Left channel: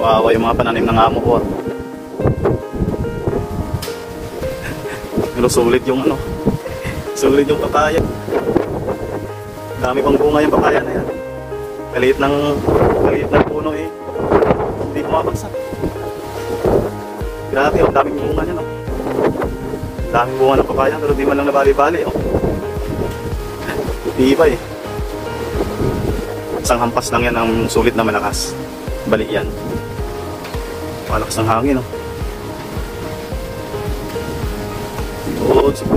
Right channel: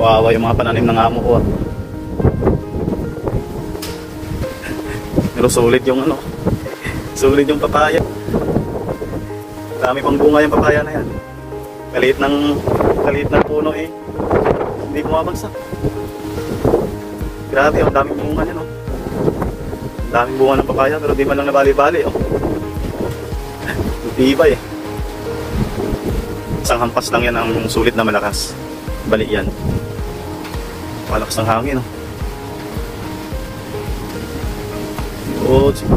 Kawawa yung mga pananim ng amo ko. Pero sulit yung ano. Sulit yung papaya. Dami pang bunga yung papaya na yan. Maliit ng puno eh. Hindi bumabagsak. Grabe, ang daming bunga niya, no? Ang daming bunga ng papaya, pero di man lang nabali-bali, oh. Iba eh. Isang hampas lang yan ang sulit na malakas. Bali yan. Malakas ng hangin, oh. Oh, sige.